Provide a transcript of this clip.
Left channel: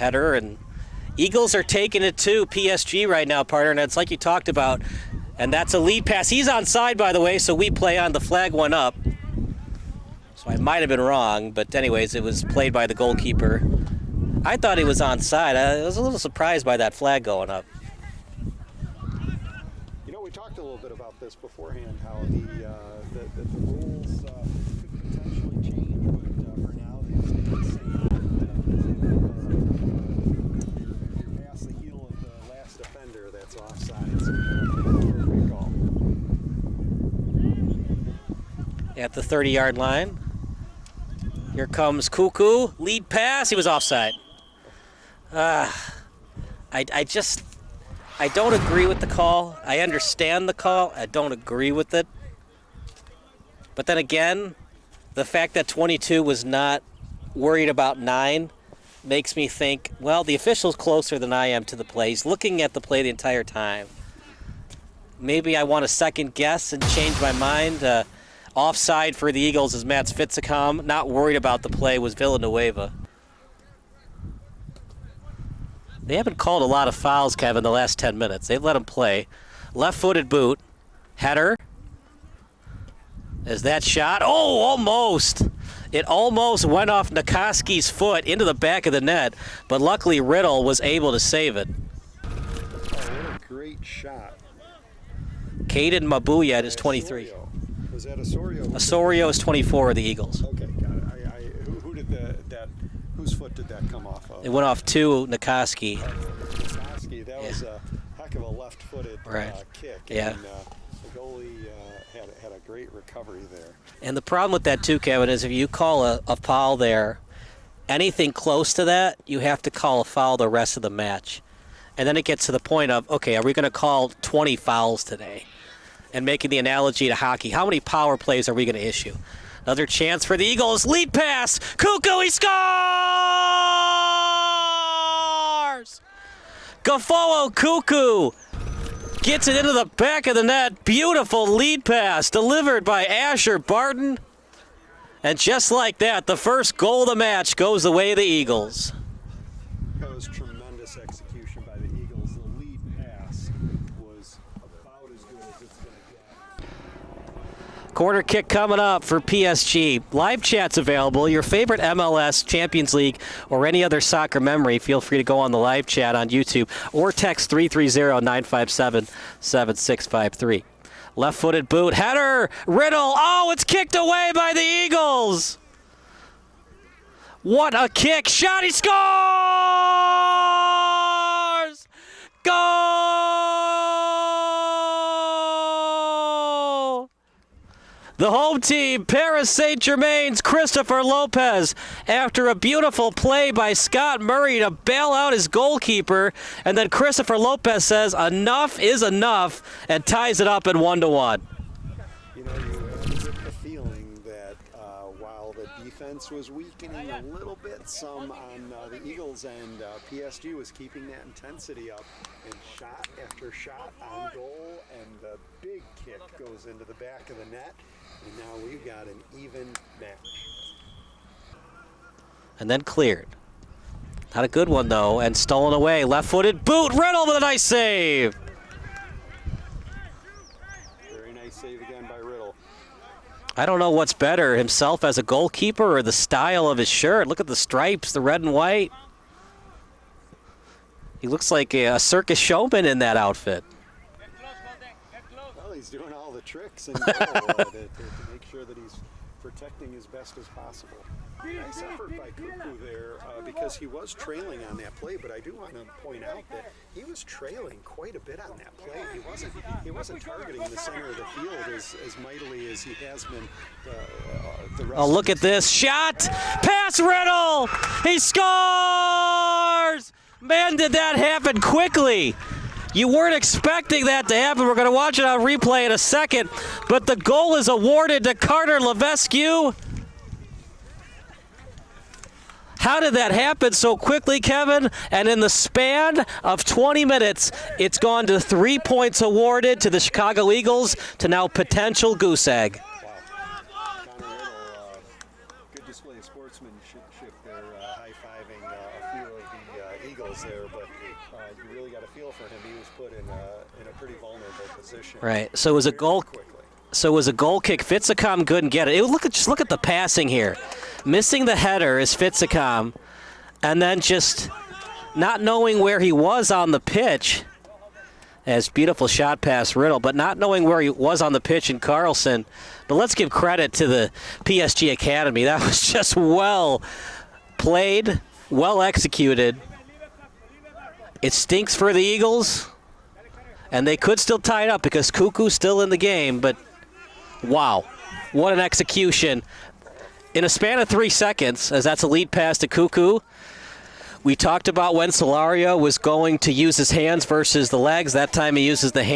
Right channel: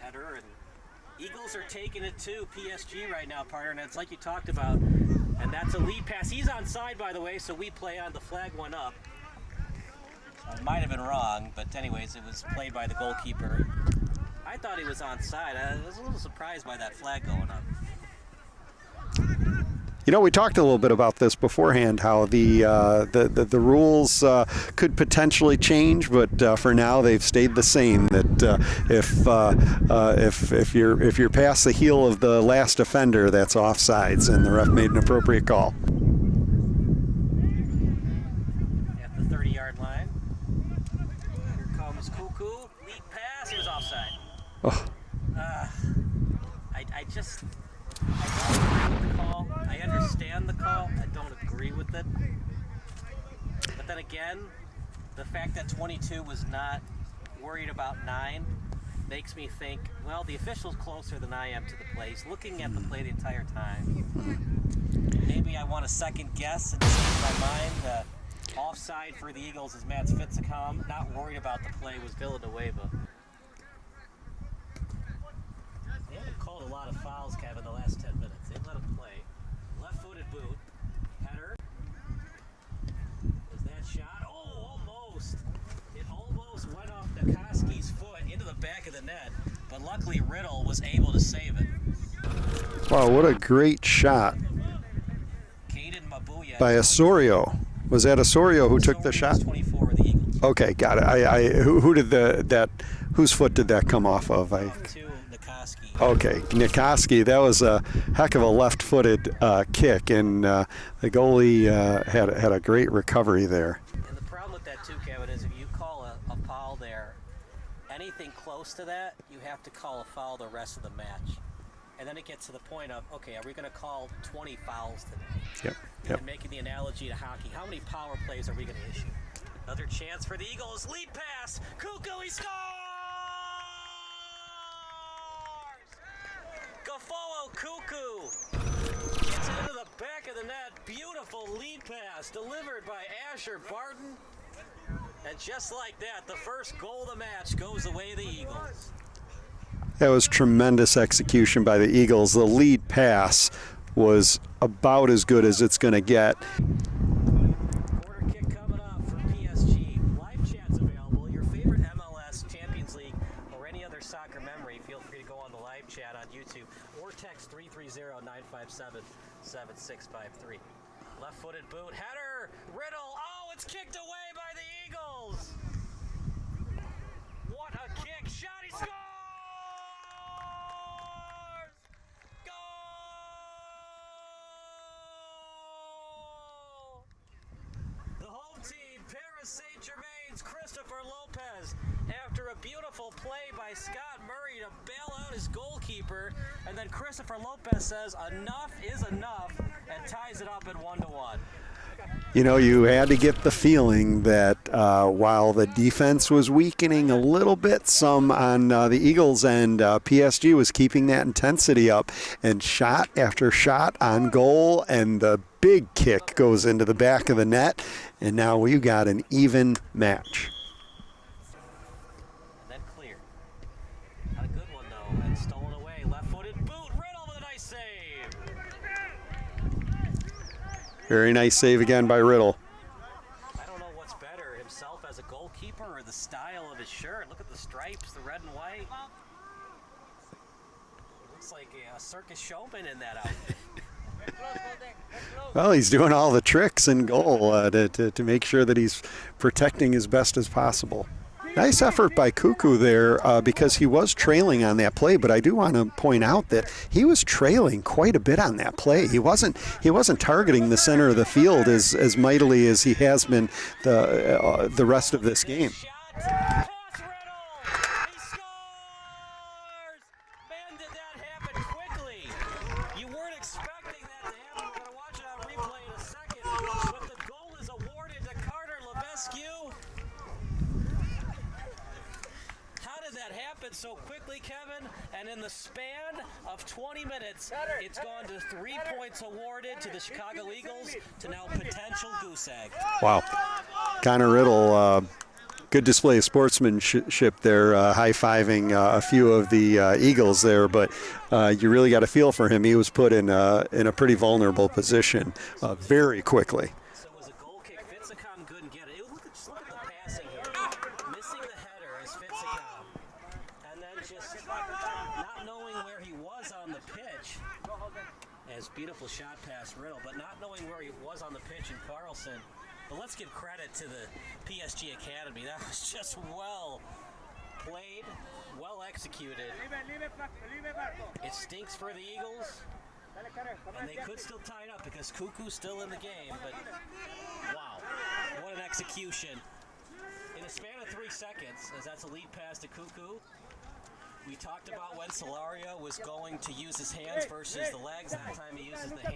Header, and Eagles are taking it to PSG right now, partner, and it's like you talked about, and that's a lead pass. He's onside, by the way, so we play on. The flag went up. So I might have been wrong, but anyways, it was played by the goalkeeper. I thought he was onside. I was a little surprised by that flag going up. You know, we talked a little bit about this beforehand, how the rules could potentially change, but for now they've stayed the same. That if you're past the heel of the last offender, that's offsides, and the ref made an appropriate call. At the 30-yard line, here comes Cuckoo, lead pass. He was offside. Oh. I don't agree with the call. I understand the call. I don't agree with it. But then again, the fact that 22 was not worried about 9 makes me think, well, the official's closer than I am to the play. He's looking at the play the entire time. Maybe I want to second guess and change my mind. Offside for the Eagles is Mats Fitzicom. Not worried about the play was Villanueva. They haven't called a lot of fouls, Kevin, the last 10 minutes. They've let him play. Left-footed boot. Header. Is that shot? Oh, almost. It almost went off Nikoski's foot into the back of the net, but luckily Riddle was able to save it. Wow, what a great shot. Caden Mabuya is 23. Osorio. Was that Osorio who took the shot? Osorio's 24 of the Eagles. Okay, got it. Who did whose foot did that come off of? It went off to Nikoski. Okay, Nikoski, that was a heck of a left-footed kick, and the goalie had a great recovery there. And the problem with that too, Kevin, is if you call a foul there, anything close to that, you have to call a foul the rest of the match. And then it gets to the point of, okay, are we going to call 20 fouls today? Yep. And making the analogy to hockey, how many power plays are we going to issue? Another chance for the Eagles. Lead pass. Cuckoo, he scores! Gafoo Cuckoo gets it into the back of the net. Beautiful lead pass delivered by Asher Barton. And just like that, the first goal of the match goes the way of the Eagles. That was tremendous execution by the Eagles. The lead pass was about as good as it's going to get. Corner kick coming up for PSG. Live chat's available. Your favorite MLS, Champions League, or any other soccer memory, feel free to go on the live chat on YouTube or text 330-957-7653. Left-footed boot. Header. Riddle. Oh, it's kicked away by the Eagles. What a kick. Shot. He scores! Goal! The home team, Paris Saint-Germain's Christopher Lopez, after a beautiful play by Scott Murray to bail out his goalkeeper, and then Christopher Lopez says enough is enough and ties it up at 1-1. You know, you had to get the feeling that while the defense was weakening a little bit, some on the Eagles' end, PSG was keeping that intensity up, and shot after shot on goal, and the big kick goes into the back of the net, and now we've got an even match. And then cleared. Not a good one, though, and stolen away. Left-footed boot. Riddle with a nice save. Very nice save again by Riddle. I don't know what's better, himself as a goalkeeper or the style of his shirt. Look at the stripes, the red and white. He looks like a circus showman in that outfit. Well, he's doing all the tricks in goal to make sure that he's protecting as best as possible. Nice effort by Cuckoo there because he was trailing on that play, but I do want to point out that he was trailing quite a bit on that play. He wasn't targeting the center of the field as mightily as he has been the rest of this game. Oh, look at this shot! Pass Riddle! He scores! Man, did that happen quickly. You weren't expecting that to happen. We're going to watch it on replay in a second, but the goal is awarded to Carter Levesque. How did that happen so quickly, Kevin? And in the span of 20 minutes, it's gone to 3 points awarded to the Chicago Eagles to now potential goose egg. Wow. Connor Riddle good display of sportsmanship there, high-fiving a few of the Eagles there, but you really got a feel for him. He was put in a pretty vulnerable position. Right. So it was very a goal quickly. So it was a goal kick. Fitzicom couldn't get it. Just look at the passing here. Missing the header is Fitzicom, and then just not knowing where he was on the pitch. As beautiful shot past Riddle, but not knowing where he was on the pitch in Carlson. But let's give credit to the PSG Academy. That was just well played, well executed. It stinks for the Eagles, and they could still tie it up because Cuckoo's still in the game, but wow, what an execution. In a span of 3 seconds, as that's a lead pass to Cuckoo. We talked about when Solario was going to use his hands versus the legs. That time he uses the hands.